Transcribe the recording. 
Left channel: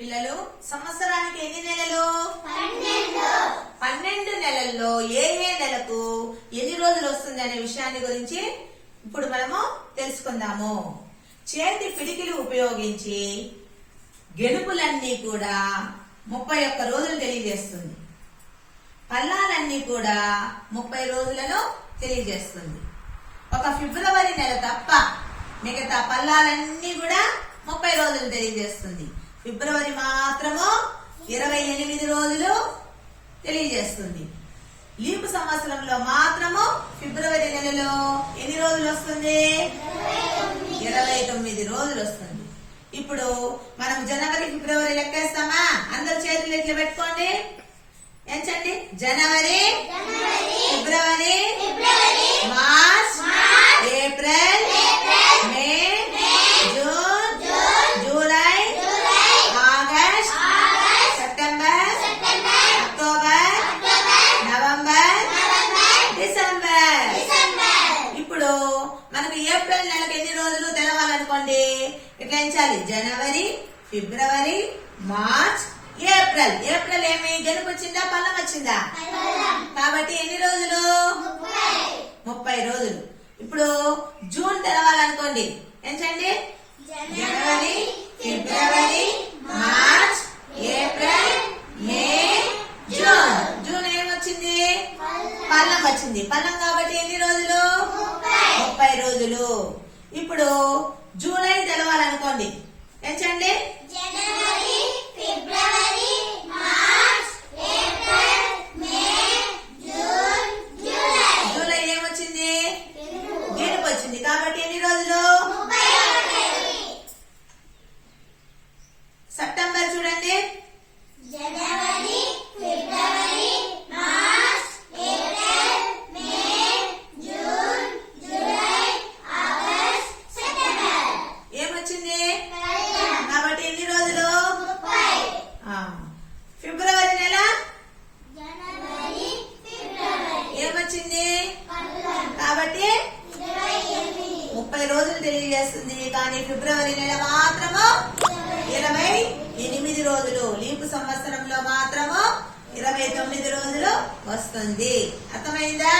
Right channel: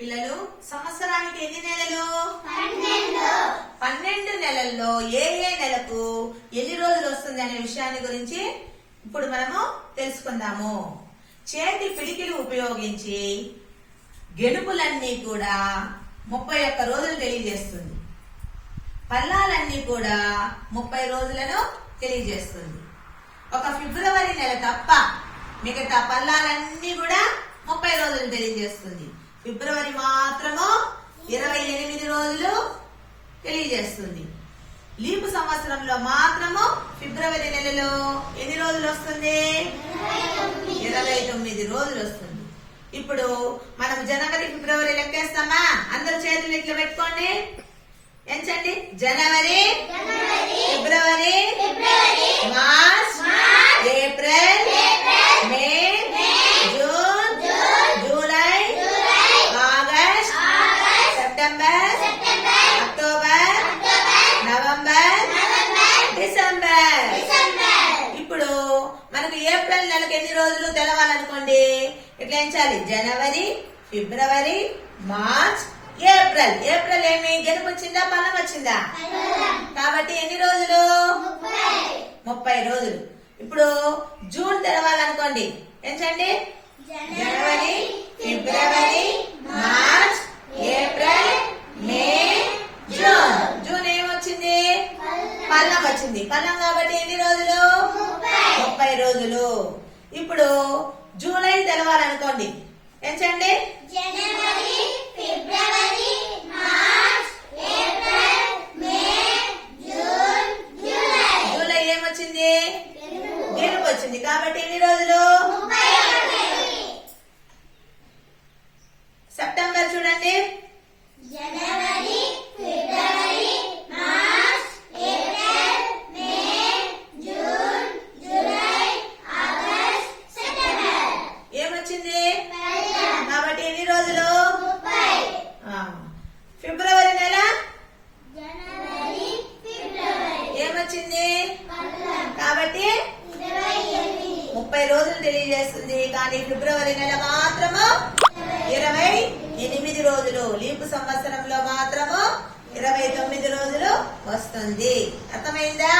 పిల్లలు సంవత్సరానికి ఎన్ని నెలలు? పన్నెండు. నెలల్లో ఏ ఏ నెలకు ఎన్ని రోజులు వస్తుంది అనే విషయాన్ని గురించి ఇప్పుడు మనము తెలుసుకుందాము. చేతి పిడికిలు ఉపయోగించి గెలుపులన్నీ కూడా ముప్పై ఒక్క రోజులు తెలియజేస్తుంది. పల్లాలన్నీ కూడా ముప్పై రోజులను తెలియజేస్తుంది. ఒక ఫిబ్రవరి నెల తప్ప మిగతా పల్లాలన్నీ కూడా ముప్పై రోజులు తెలియజేస్తుంది. ఫిబ్రవరి మాత్రము ఇరవై ఎనిమిది రోజులు తెలియజేస్తుంది. లీపు సంవత్సరంలో మాత్రము ఫిబ్రవరి నెలలో ఎన్ని రోజులు వస్తుంది? ఇరవై తొమ్మిది రోజులు వస్తుంది. ఇప్పుడు మనం జనవరి ఫిబ్రవరి లెక్కేస్తామా? అందరు చేతులు ఇట్లా పెట్టుకోండి. ఎంచండి జనవరి ఫిబ్రవరి మనకు ఏప్రిల్ నెలకు ఎన్ని రోజులు తెలవాలనుకోండి? ఇట్లా ఎంచాలి? జనవరి ఫిబ్రవరి మార్చ్ ఏప్రిల్. ఏప్రిల్ ఏమి? గెలుపు వచ్చిందా? పల్లం వచ్చిందా? కాబట్టి ఎన్ని రోజులు? ముప్పై రోజులు. ఇప్పుడు జూన్ తెలవాలనుకోండి. ఎంచండి? జనవరి ఫిబ్రవరి March April May June. June ఏమొచ్చింది? పల్లం వచ్చింది. పల్లం కాబట్టి ఎన్ని రోజులు? ముప్పై రోజులు. ఇప్పుడు జూలై తెలవాలనుకోండి. ఎంచండి జనవరి ఫిబ్రవరి March April May June July. July ఏమొచ్చింది? గెలుపు వచ్చింది. కాబట్టి ఎన్ని రోజులు ముప్పై ఒకటి సెప్టెంబర్ చూడండి జనవరి ఫిబ్రవరి March April May June July August September ఏమొచ్చింది పదిహేను కాబట్టి ఎన్ని రోజులు ముప్పై ఆ, ఫిబ్రవరి నెల జనవరి ఫిబ్రవరి ఏమొచ్చింది పదహారు కాబట్టి ఇరవై ఎనిమిది ముప్పై రోజులు తెలియజేస్తుంది. కానీ ఫిబ్రవరి నెల మాత్రము ఇరవై ఎనిమిది రోజులు. లీపు సంవత్సరంలో మాత్రము ఇరవై తొమ్మిది రోజులు వస్తుంది. అర్థమైందా?